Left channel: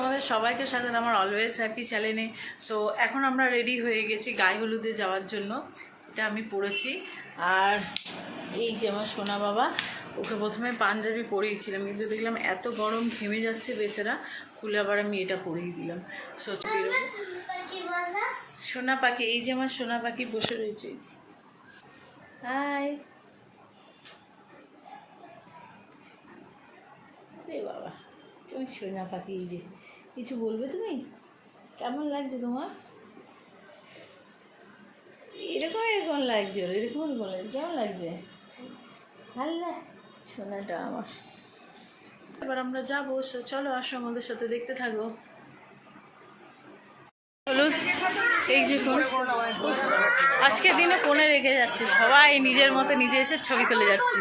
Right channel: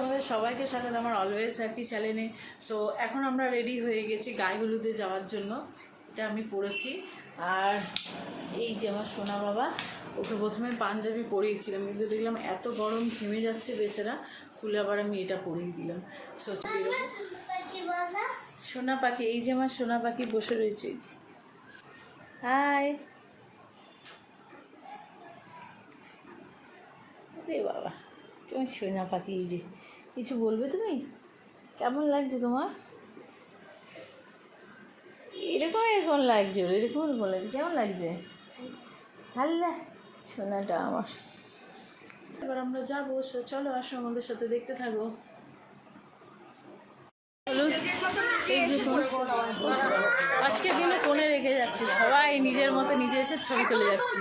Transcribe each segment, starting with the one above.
আমাদের সবাইকে স্বাগত আমার অলওয়েজ হ্যাপি চ্যানেলে। সো এখন আমরা রেডি হয়ে গেছি গায়ে হলুদে যাওয়ার জন্য। এটা আমি পরেছি। আর এই যে আমার সোনা বাবা, ওকে প্রথমে পাঞ্জাবি পরিয়েছিলাম, কিন্তু দেখলাম এত গরম ঘেমে যাচ্ছে বেচারা, খুলে আবার আমি এটা পরিয়ে দিলাম। সো সোনা পাখি, এই যে আমার সোনা পাখি বসে রয়েছে। হাই রে বাবা, তুমি সোনা পাখি, এই যে কিছু বলবে তুমি? কেমন লাগছে তোমার? এরকম এরকম লাগছে, এরকম এরকম লাগছে, কেমন লাগছে? হাল্লা সোনাটা আমার। এবার আমরা যাবো, চলো আসো আমাদের সাথে, দেখতে থাকো। হলুদ, এই যে আজকের দিনে কোণে রেখে যাচ্ছে, সবাই নিজের মতো নিজে এসে ছবি তুলে যাচ্ছে।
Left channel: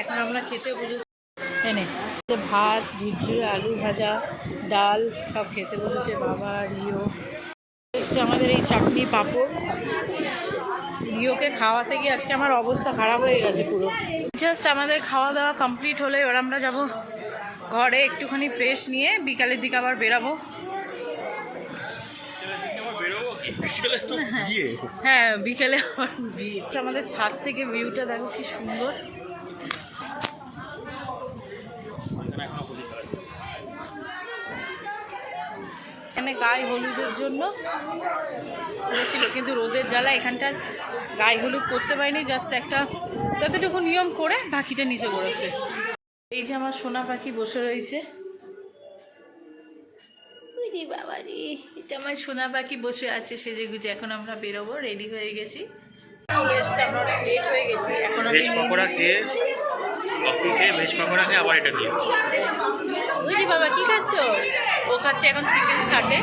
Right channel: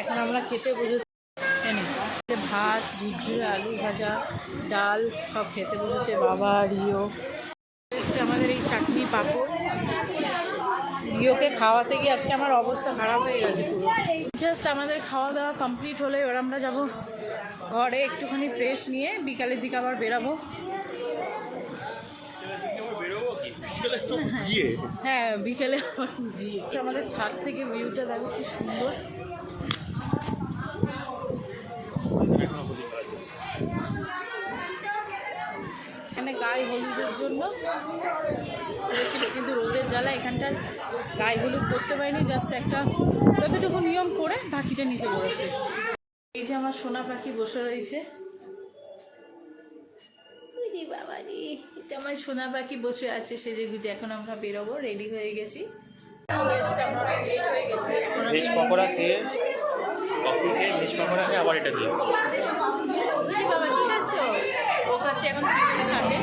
এখন আমরা খেতে বসেছি, এনে ভাত, ভিজে আলু ভাজা, ডাল সব খেতে বসেছে বাবা, রিও এসছে, আমাদের এই চাটনি পাঁপড়। রিওকে খাওয়াতে গিয়ে আজকে আমার অবস্থা খারাপ হয়ে গেছে পুরো। জাস্ট আমাদের খাওয়া দাওয়া কমপ্লিট হলে এবার আমরা যাব ঘরে একটুখানি ফ্রেশ নিয়ে, বিকালের দিকে আবার বেরাবো। হ্যাঁ বিকেলে আবার বিয়ে। আমাদের ছাদ থেকে ভিউটা দেখো কি সুন্দর। এখানে গায়ে হলুদের জন্য করেছিল, কিন্তু রোদের জ্বালা এখানটার গায়ে হলুদ করতে পারিনি, জাস্ট একটা যতটুকু নিয়ম করে পাখিটা নিচে করেছে। এই যে আমার সোনা পাখি বসে রয়েছে, বাবারি, এটা আমার সোনা পাখি বসে আছে সেজে গুজে। এখন আমরা বেরোবো, রেডি হয়ে গেছি, লেট হয়ে গেছি। ভেজ পকোড়া খেয়ে, কফি খেয়ে, ভেজ পকোড়া খেয়ে আবার এটা খেয়ে। ওই যে বাবা, কী খাচ্ছ? ও খাচ্ছে এখন চিকেন সাটে।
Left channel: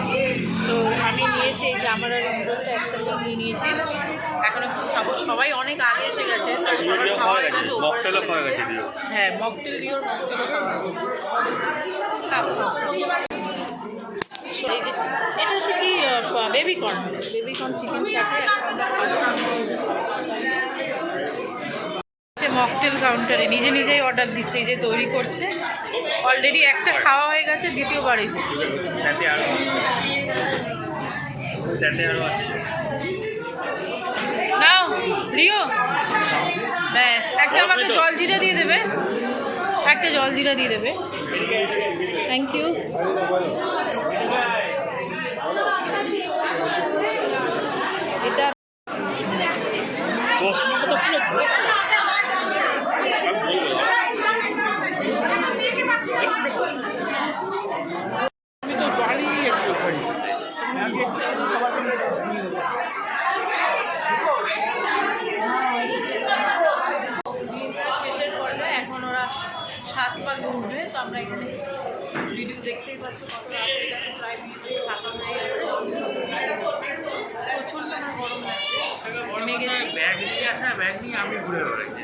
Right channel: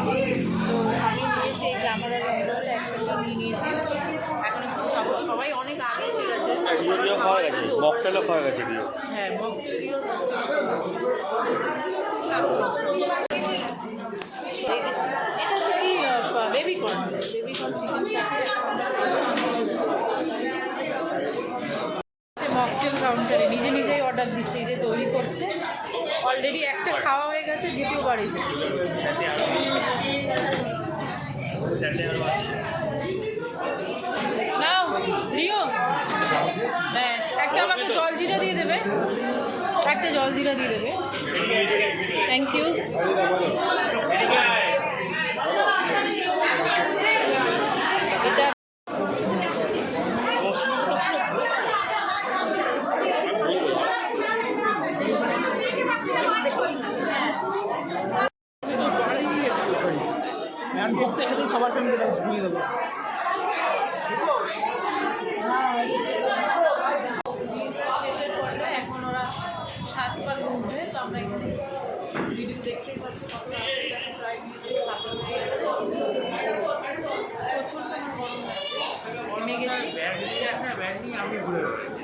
তো আমি নিয়েছি, এই যে আমরা রুমটা একসাথে আমি নিয়েছি, এখন একটু খাবো। সবাই অনেক আগে এসে গেছে, মকটেলও খাওয়া গেছে। হ্যাঁ মকটেল দিও। এই যে এটা হচ্ছে কি বেবিকর্ন চিকেন সাথে মকটেল কাউন্টারে নিজে নিজেই অর্ডার দিচ্ছে, এই যে তৈরি করছে। অলরেডি একটা খাওয়া হয়ে গেছে, দ্বিতীয়বার এই যে নাও রিও, ব্যাস একটা আমাকে জলজিরা দিয়ে দেবে, একটা জলজিরা দিয়ে দেবে। Thank you. এটা শেষের পর্বে, এখন ওরা 7 পা ঘুরবে। তো আমরা এখানে ভিডিও দেখতেই পাচ্ছি কত রাতের কাছে, প্রায় 7 হয়ে গেছে। প্রচণ্ড আমার গরম লাগছে, ঘেমে গেছি। ব্যাগ নিয়ে আসা, ব্যাগ নিয়ে আমি ঘুরে বেড়াচ্ছি।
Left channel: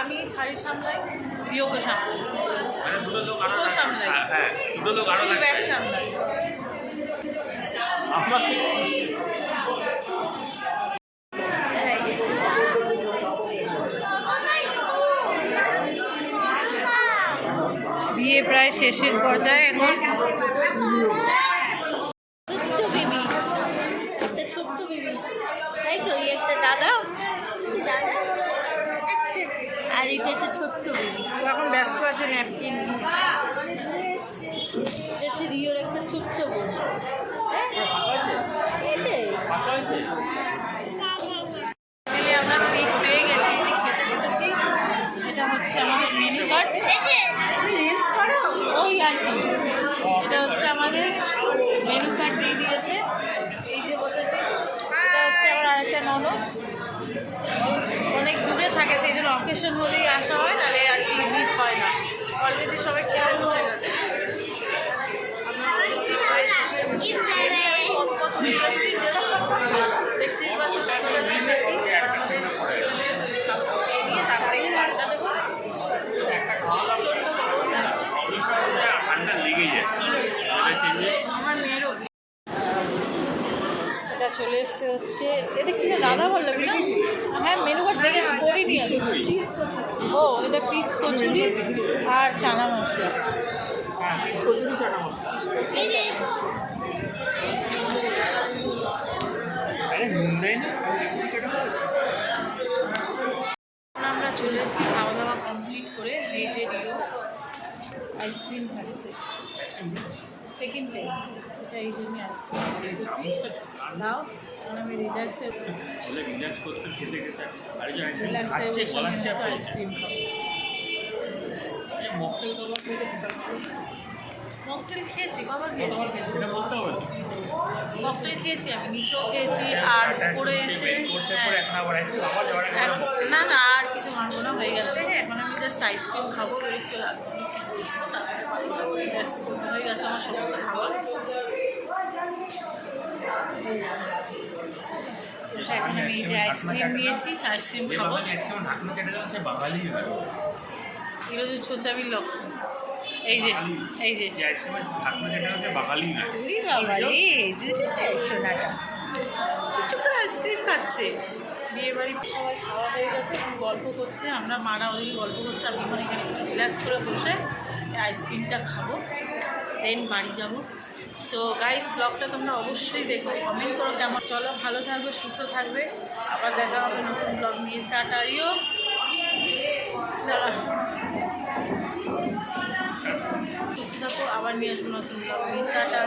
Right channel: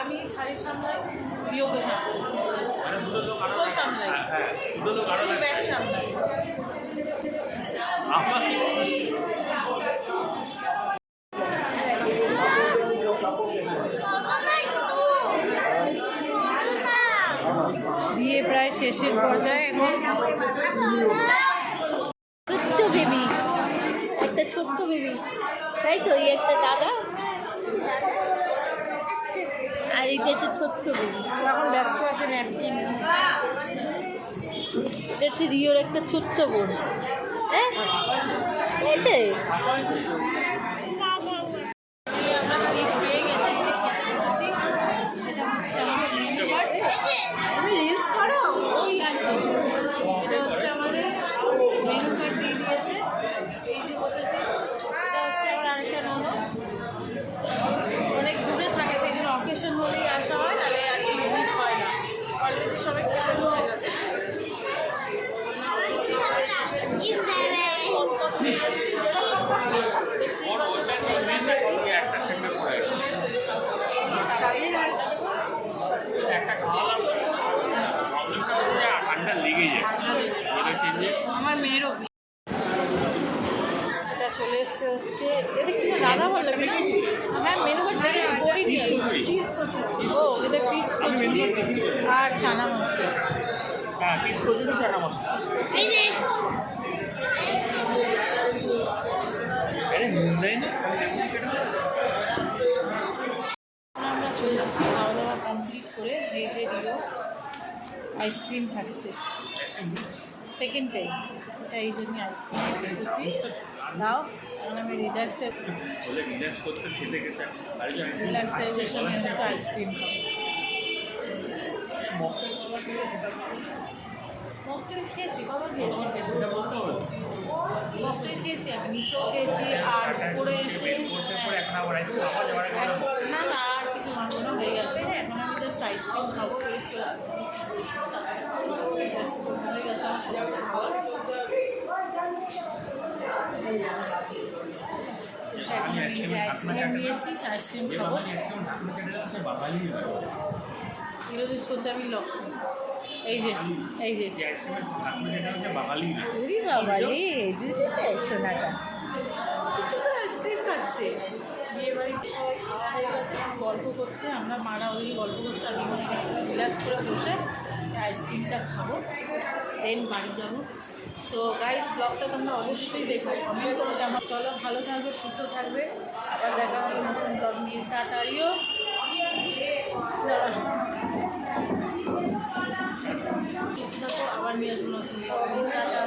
আমি শাড়ি সামলাই, রিওকে সামলাই, মানে দুটো লোক আরো সামলাই। হ্যাঁ, দুটো লোক আরো ব্যাগ সামলাই। বিয়ে প্রায় শেষের পর্যায়ে এখন। ছোট্ট বেবি, একটা ছোট্ট বেবি, তাই তো? এই একটা দাদা, আর এটা হচ্ছে ছোট্ট বেবি। এখন ব্যস্ত আছে ন্যাপকিন। এটা হচ্ছে রিওর একটা ছোট্ট বোন। হ্যাঁ এই তো আমরা সিট পেয়ে এসেছি। এটা হচ্ছে আমাদের মেনু কার্ড। রিলস করো ওই আর কি। এটা হচ্ছে আমাদের মেনু কার্ড দিয়ে দিয়েছে। এই যে বসেছে, এটা হচ্ছে আমার আরেকটা ননদ, অনেক দূরে থাকে, সেই জন্য অকেশন হলেই আসা হয়, নাহলে আর কি মিট হয় না। অলরেডি সবাই খেয়াল হয়ে গেছে। আমরা বলছি প্রায় শেষের মুখে। কত হয়ে গেছি, জাস্ট দেখতেই পাচ্ছি কতটা নেমেছি। এই নিয়ে তারপরে আড্ডা দেবো। প্রচণ্ড গরম লাগছে। আমার মেয়েরও এটা চলে এসছে হচ্ছে, এটা কি রাধা বল্লভী না? হ্যাঁ, মেনু কার্ড দেখে পড়িনি আমি। ও, এটা পিস কচুরি আর চানা মশলা। আমরা চলে এসেছি খাওয়া দাওয়া কমপ্লিট করে। এই যে রিও আইসক্রিম খাচ্ছে সেকেন্ড টাইম, এটা এই জন্য আইসক্রিম খেয়েছি। দাও, আমি রিল্যাক্সেশন একটু আইসক্রিম খাবো। মকটেল খেয়েছি, কবার খেয়েছি? মকটেল খেয়েছি আমি, নিচেও খেয়েছি, আর উপরে এসে না না আর কিছু মানবো না, হয়ে গেছে। এখন আমি জাস্ট আইসক্রিম খাবো, একটু বসবো, তারপরে রিল্যাক্স করতে হয়ে গেছে আমার সমস্ত খাবার। এখন আমি যে আইসক্রিম নিয়েছি, আইসক্রিম খাবো। এগুলো যে ছোচামির লক্ষণ। এই যে এই যে সোনাটা চুপ করে আইসক্রিম খাচ্ছে। বিয়ে বাড়ি হয়ে গেছে, গল্প করছে, আমরা মারা ওদিকে গল্প করছে, আমি মানে এখানে রিল্যাক্স করে বসে আইসক্রিমটা খাবো, দেন বাড়ি যাব। সো গাইস, ব্লগটা তোমরা অবশ্যই দেখো, কমেন্ট করো কেমন। চলো, ভালো থাকবে, সুস্থ থাকবে, আবার দেখা হবে নতুন ব্লগ নিয়ে। টাটারিও সুস্থ থাকো, আবার নিয়ে আসবো নতুন ব্লগ নিয়ে। টাটা।